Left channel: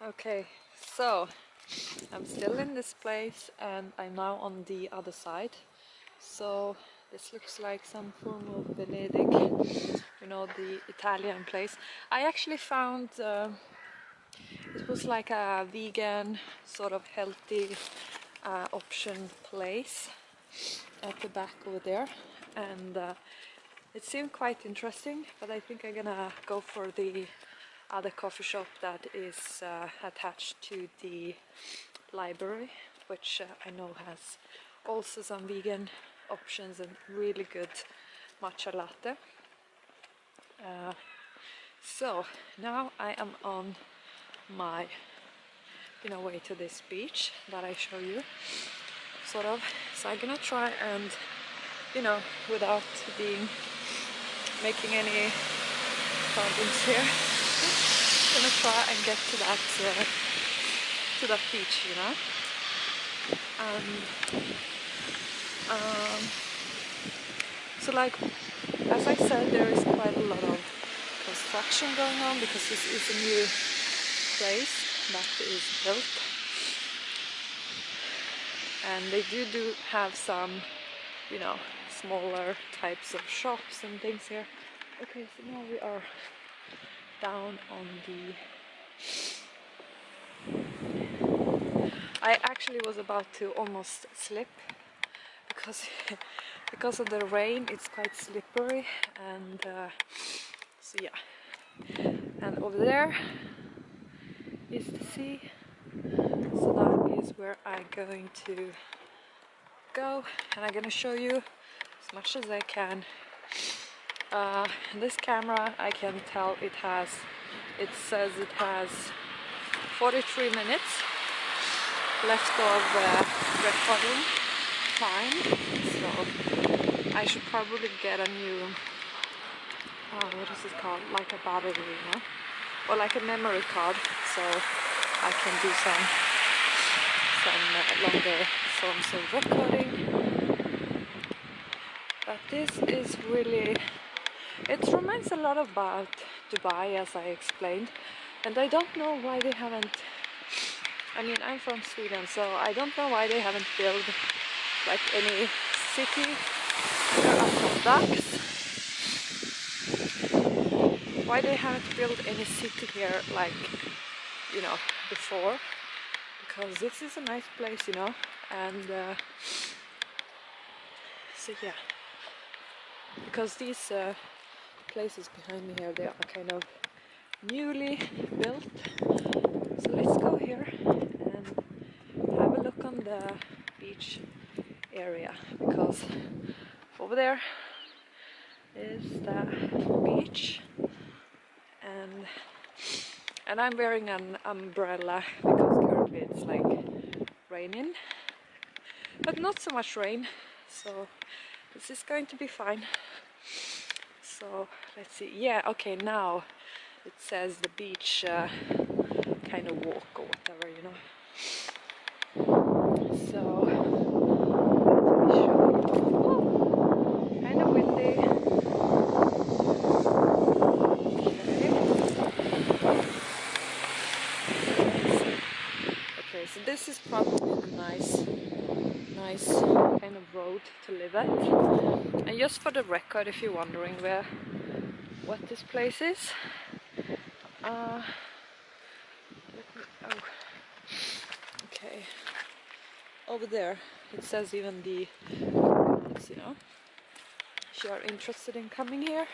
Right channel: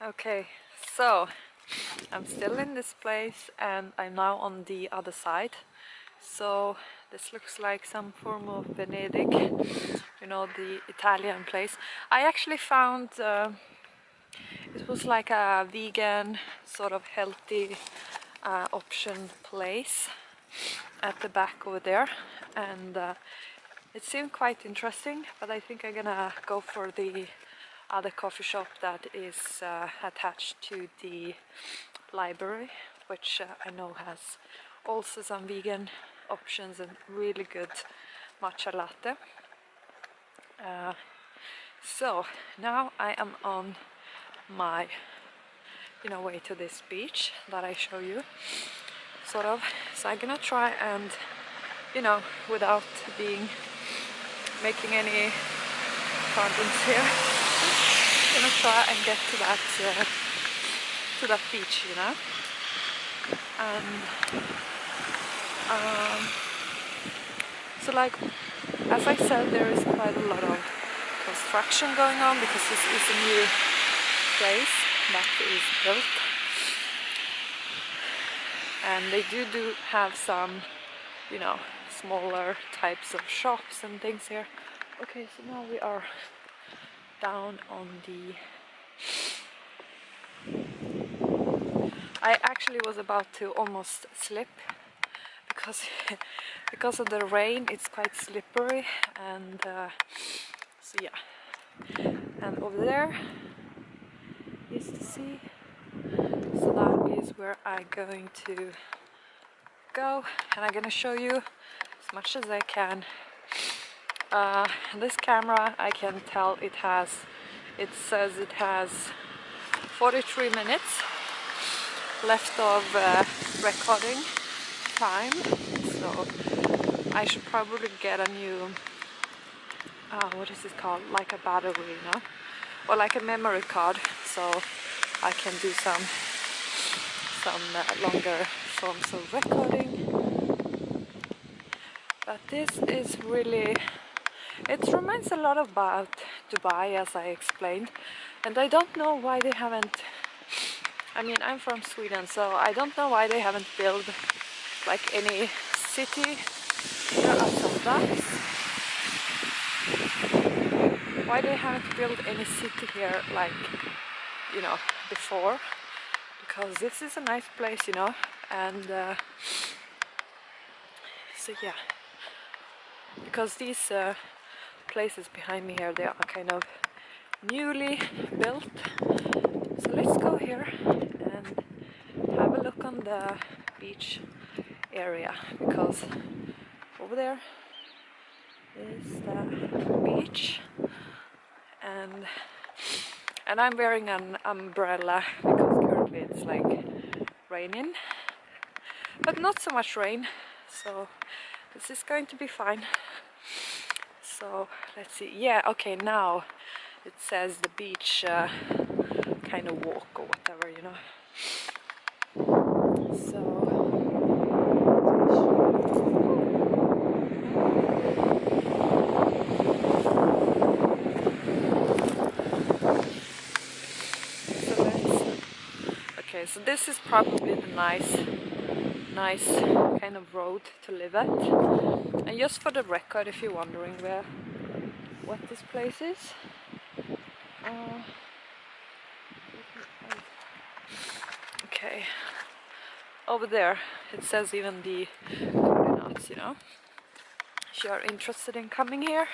Okay, so I'm still in this place and I'm now on the other side. So this looks like some form of Venedig, you know, the Italian place. I actually found it was like a vegan, sort of healthy option place at the back over there, and it seemed quite interesting, but I think I'm gonna go for the other coffee shop that is attached to the library, which I know has also some vegan options and really good matcha latte. So now I am on my way to this beach that I show you, sort of. So I'm gonna try and, without being making any problems here, gonna try and get to that beach, and so like as I said, there is quite a lot of construction going on because this is a new place that is built, and they do have some smaller types of shops and things here. Okay, so now we are down on the I actually was about to almost slip because because of the rain. It's quite slippery, and so yeah. And over there is the sea, so that is where I'm going to go, and I'm gonna show you as much as I can. This camera, I can tell it says it has 43 minutes left of recording time, so I should probably get a new what is it called, like a battery, or like a memory card, so I can do some longer forms of recording. But this is really, it reminds a lot about Dubai, as I explained, and I don't know why they haven't, I mean, I'm from Sweden, so I don't know why they haven't built like any city. There are some ducks. Why they haven't built any city here like, before, because this is a nice place, and so yeah, because these places behind me here, they are kind of newly built. So let's go here and have a look on the beach area, because over there is the beach, and I'm wearing an umbrella because currently it's like raining, but not so much rain, so this is going to be fine. So let's see. Yeah, okay, now it says the beach kind of walk or whatever, so kind of windy. So okay, so this is probably the nice kind of road to live at. And just for the record, if you're wondering what this place is, okay, over there it says even the coordinates, if you are interested in coming here.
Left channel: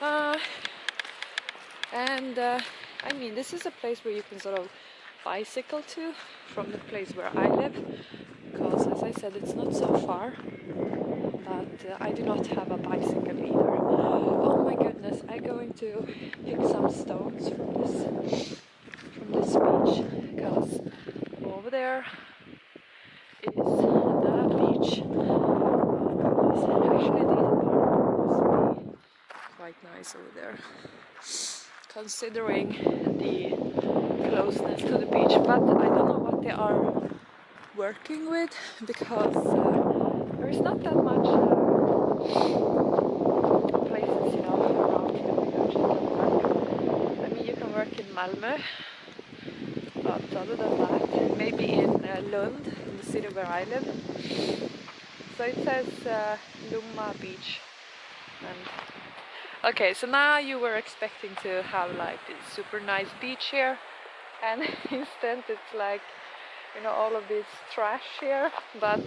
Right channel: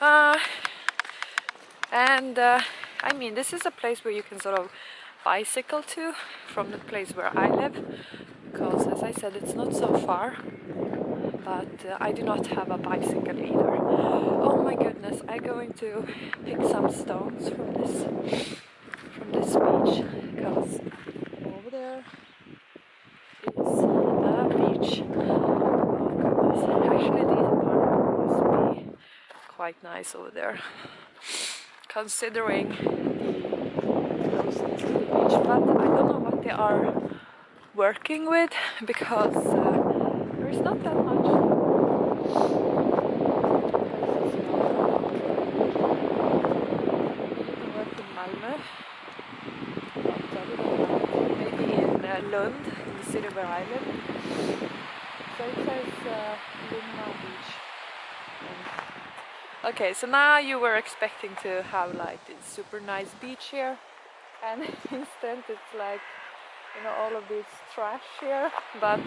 And I mean, this is a place where you can sort of bicycle to from the place where I live, because as I said, it's not so far, but I do not have a bicycle either. Oh my goodness, I'm going to pick some stones from this beach, because over there is the beach. Oh goodness, actually these apartments must be quite nice over there, considering the closeness to the beach, but I don't know what they are working with, because there is not that much places, around. I mean, you can work in Malmö, But other than that, maybe in Lund, in the city where I live. So it says Lomma Beach. And okay, so now you were expecting to have like this super nice beach here, and instead it's like, you know, all of this trash here. But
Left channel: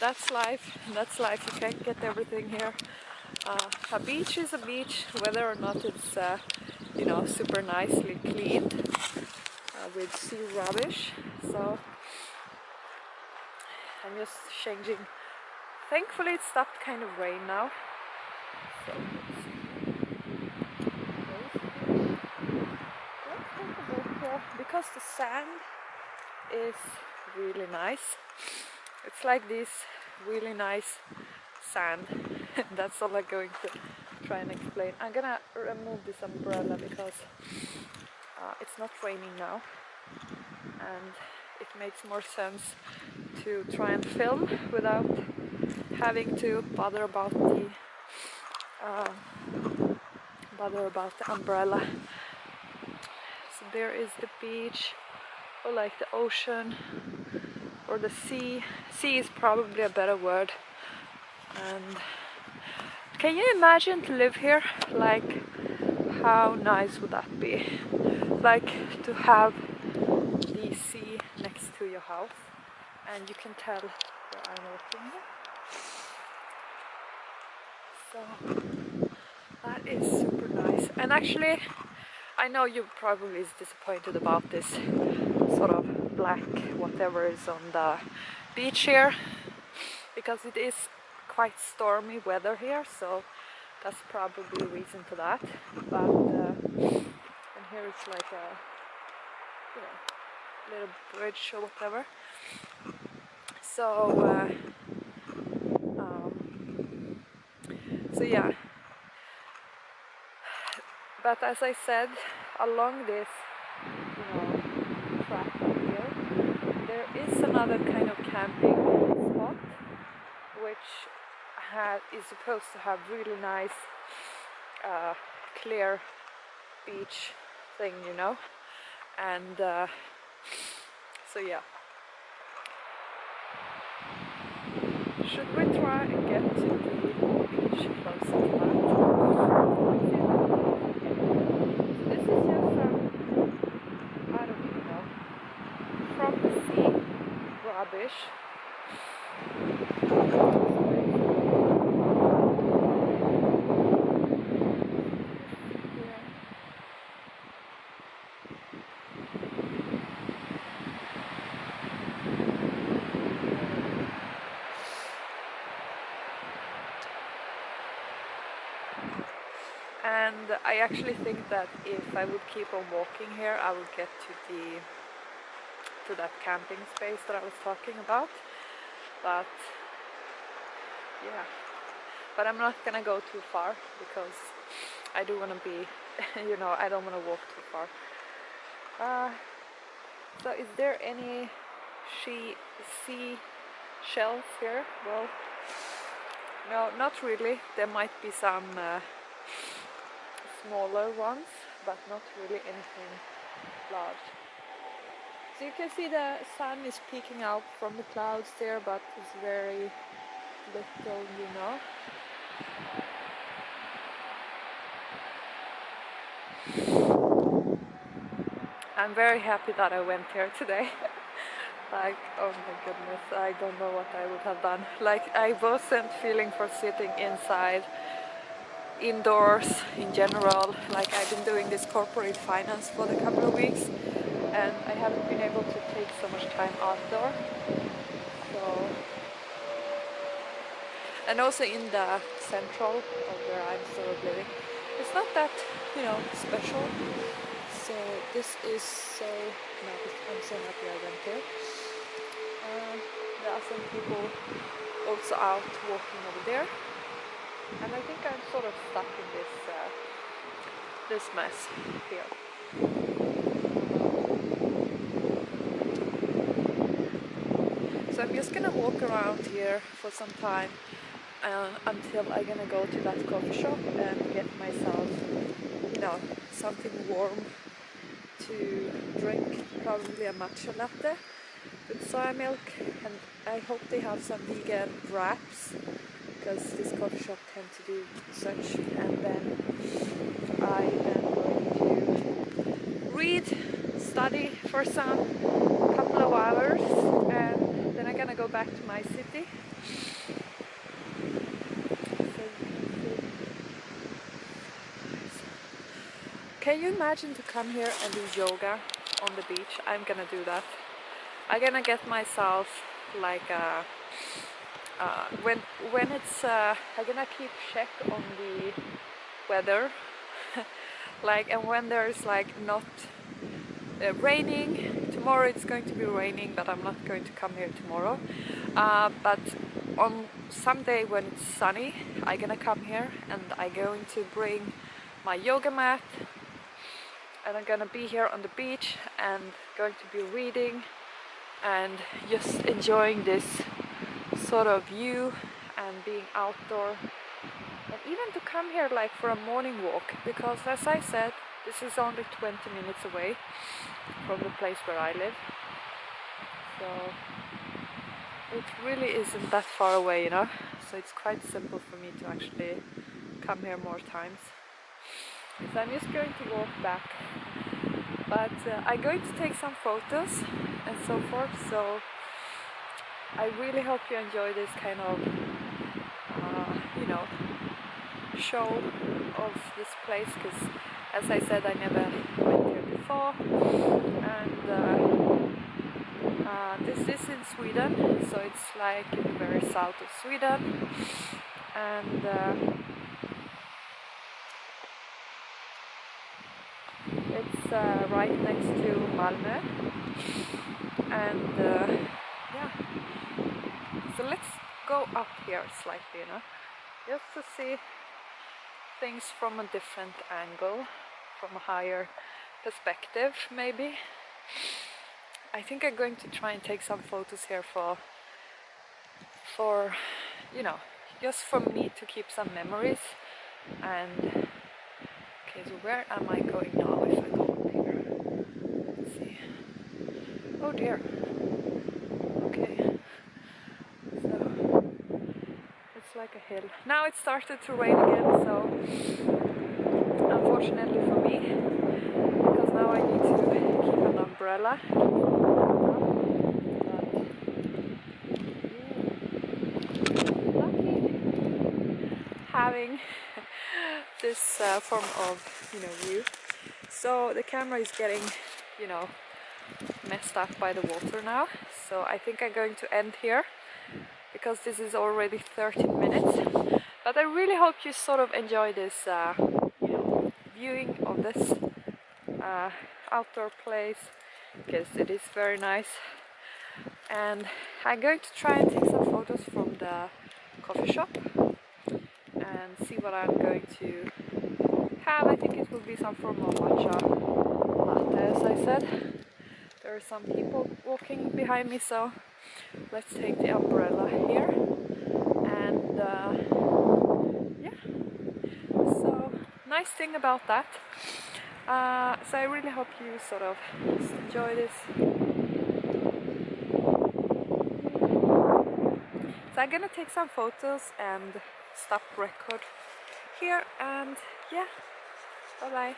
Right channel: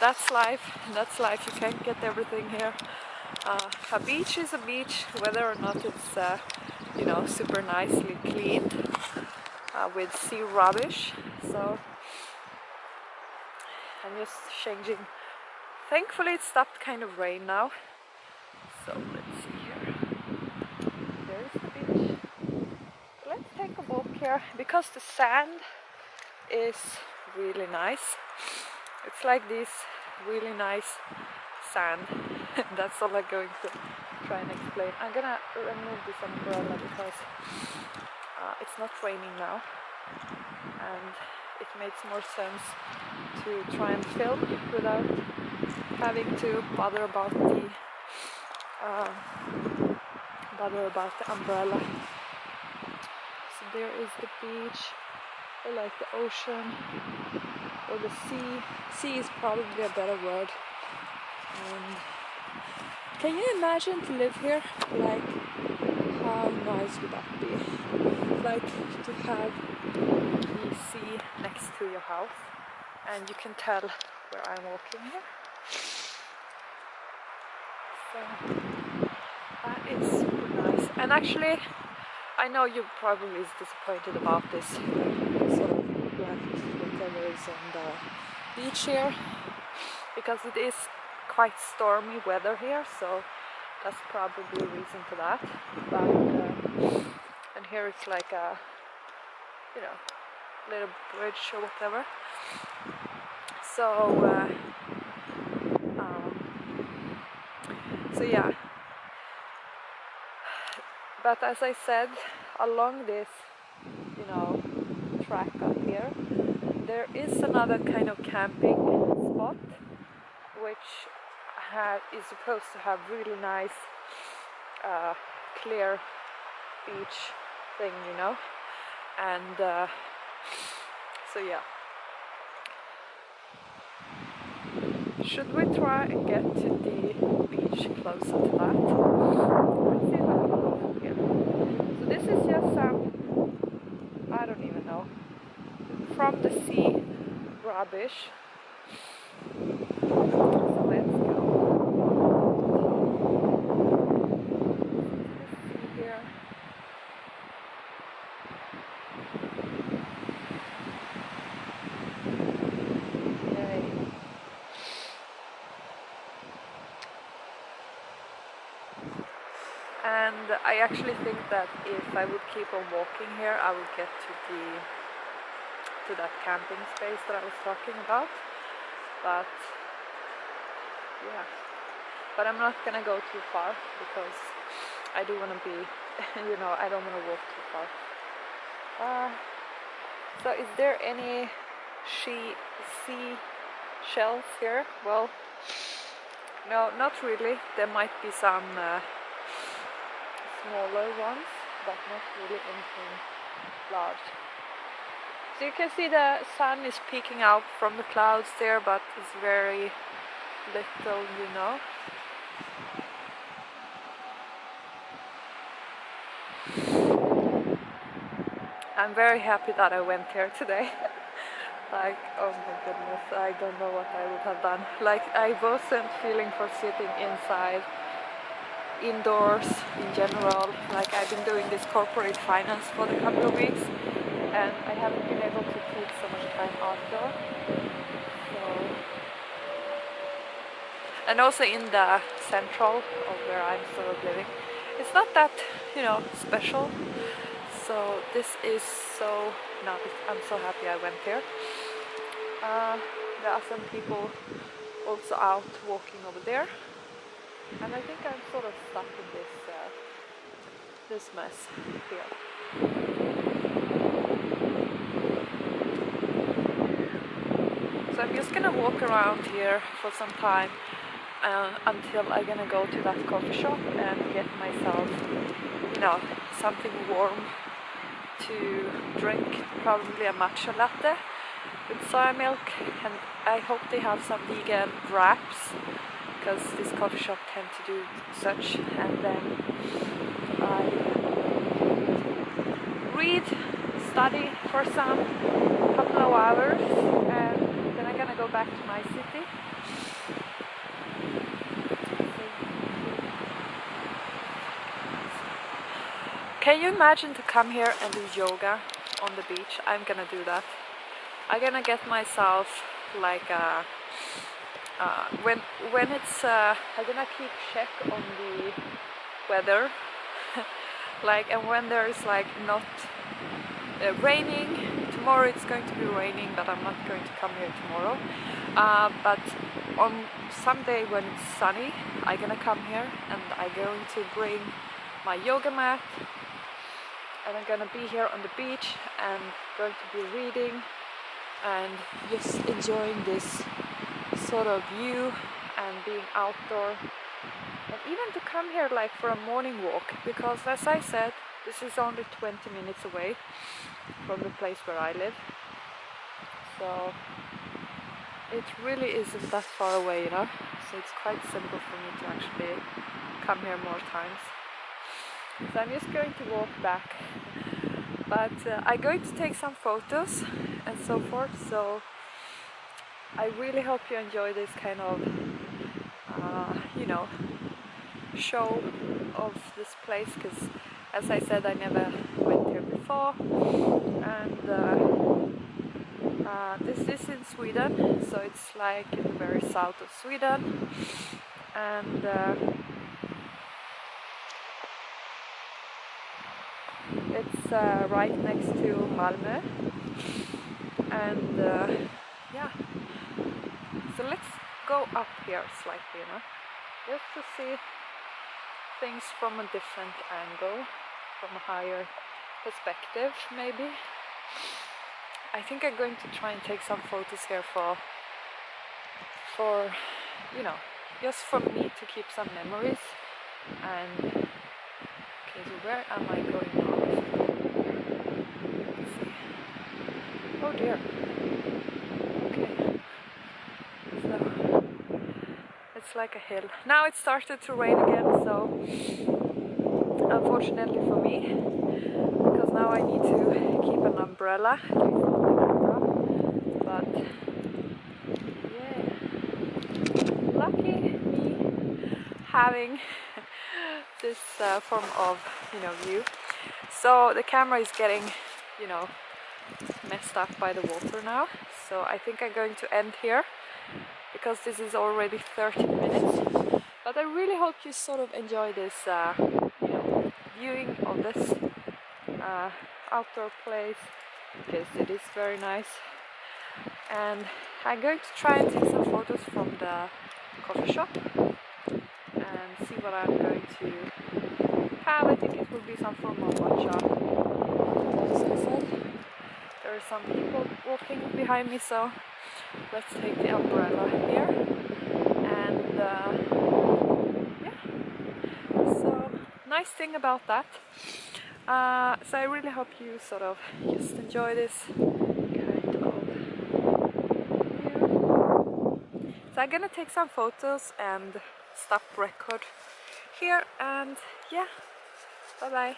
that's life. That's life. You can't get everything here. A beach is a beach, whether or not it's you know, super nicely cleaned with sea rubbish. So I'm just changing. Thankfully it stopped kind of rain now. So let's see here. Where is the beach? Let's take a walk here because the sand is really nice. It's like this really nice sand. That's all I'm going to try and explain. I'm gonna remove this umbrella because it's not raining now, and it makes more sense to try and film without having to bother about the umbrella. So there is the beach, or like the ocean, or the sea. Sea is probably a better word. And can you imagine to live here? Like, how nice would that be? Like to have the sea next to your house, and you can tell where I'm walking here. So that is super nice. And actually, I know you probably is disappointed about this sort of black whatever is on the beach here, because it is quite stormy weather here, so that's probably a reason for that. But and here it's like a, you know, little bridge or whatever. So so yeah. But as I said, along this, you know, track up here, there is another kind of camping spot, which is supposed to have really nice clear beach thing, you know. And so yeah. Should we try and get to the beach closer to that? Let's see if I can go from here. So this is just I don't even know, from the sea rubbish. So let's go. Here. And I actually think that if I would keep on walking here, I would get to that camping space that I was talking about. But yeah, but I'm not gonna go too far because I do want to be, you know, I don't want to walk too far. So is there any sea shells here? Well, no, not really. There might be some smaller ones, but not really anything large. So you can see the sun is peeking out from the clouds there, but it's very little, you know. I'm very happy that I went here today. Like, oh my goodness, I don't know what I would have done. Like, I wasn't feeling for sitting inside, indoors in general. Like, I've been doing this corporate finance for the couple of weeks, and I haven't been able to take so much time outdoor. So, and also in the central of where I'm sort of living, it's not that, you know, special. So this is so nice. I'm so happy I went here. There are some people also out walking over there, and I think I'm sort of stuck in this mess here. So I'm just gonna walk around here for some time until I'm gonna go to that coffee shop and get myself, you know, something warm to drink probably a matcha latte with soy milk, and I hope they have some vegan wraps because this coffee shop tend to do such. And then I am going to read, study for some couple of hours, and then I'm gonna go back to my city. Can you imagine to come here and do yoga on the beach? I'm gonna do that. I'm gonna get myself like a when it's I'm gonna keep check on the weather like, and when there's like not raining. Tomorrow it's going to be raining, but I'm not going to come here tomorrow, but on someday when it's sunny I'm gonna come here, and I'm going to bring my yoga mat, and I'm gonna be here on the beach and going to be reading and just enjoying this sort of view and being outdoor, and even to come here like for a morning walk, because as I said, this is only 20 minutes away from the place where I live, so it really isn't that far away, you know, so it's quite simple for me to actually come here more times. So I'm just going to walk back, but I'm going to take some photos and so forth, so I really hope you enjoy this kind of you know, show of this place, because as I said, I never went here before, and this is in Sweden, so it's like in the very south of Sweden, and it's right next to Malmö, and yeah, so let's go up here slightly, you know, just to see things from a different angle, from a higher perspective maybe. I think I'm going to try and take some photos here for you know, just for me to keep some memories. And okay, so where am I going now if I go over here? Let's see. Oh dear. Okay. So it's like a hill. Now it started to rain again, so unfortunately for me, because now I need to keep an umbrella on the camera. But yeah, lucky me having this form of, you know, view. So the camera is getting, you know, messed up by the water now, so I think I'm going to end here because this is already 13 minutes. But I really hope you sort of enjoy this you know, viewing of this outdoor place, because it is very nice. And I'm going to try and take some photos from the coffee shop and see what I'm going to have. I think it will be some form of matcha latte, as I said. There are some people walking behind me, so let's take the umbrella here. And yeah, so nice thing about that. So I really hope you sort of just enjoy this kind of view. So I'm gonna take some photos and stop record here, and yeah, bye bye.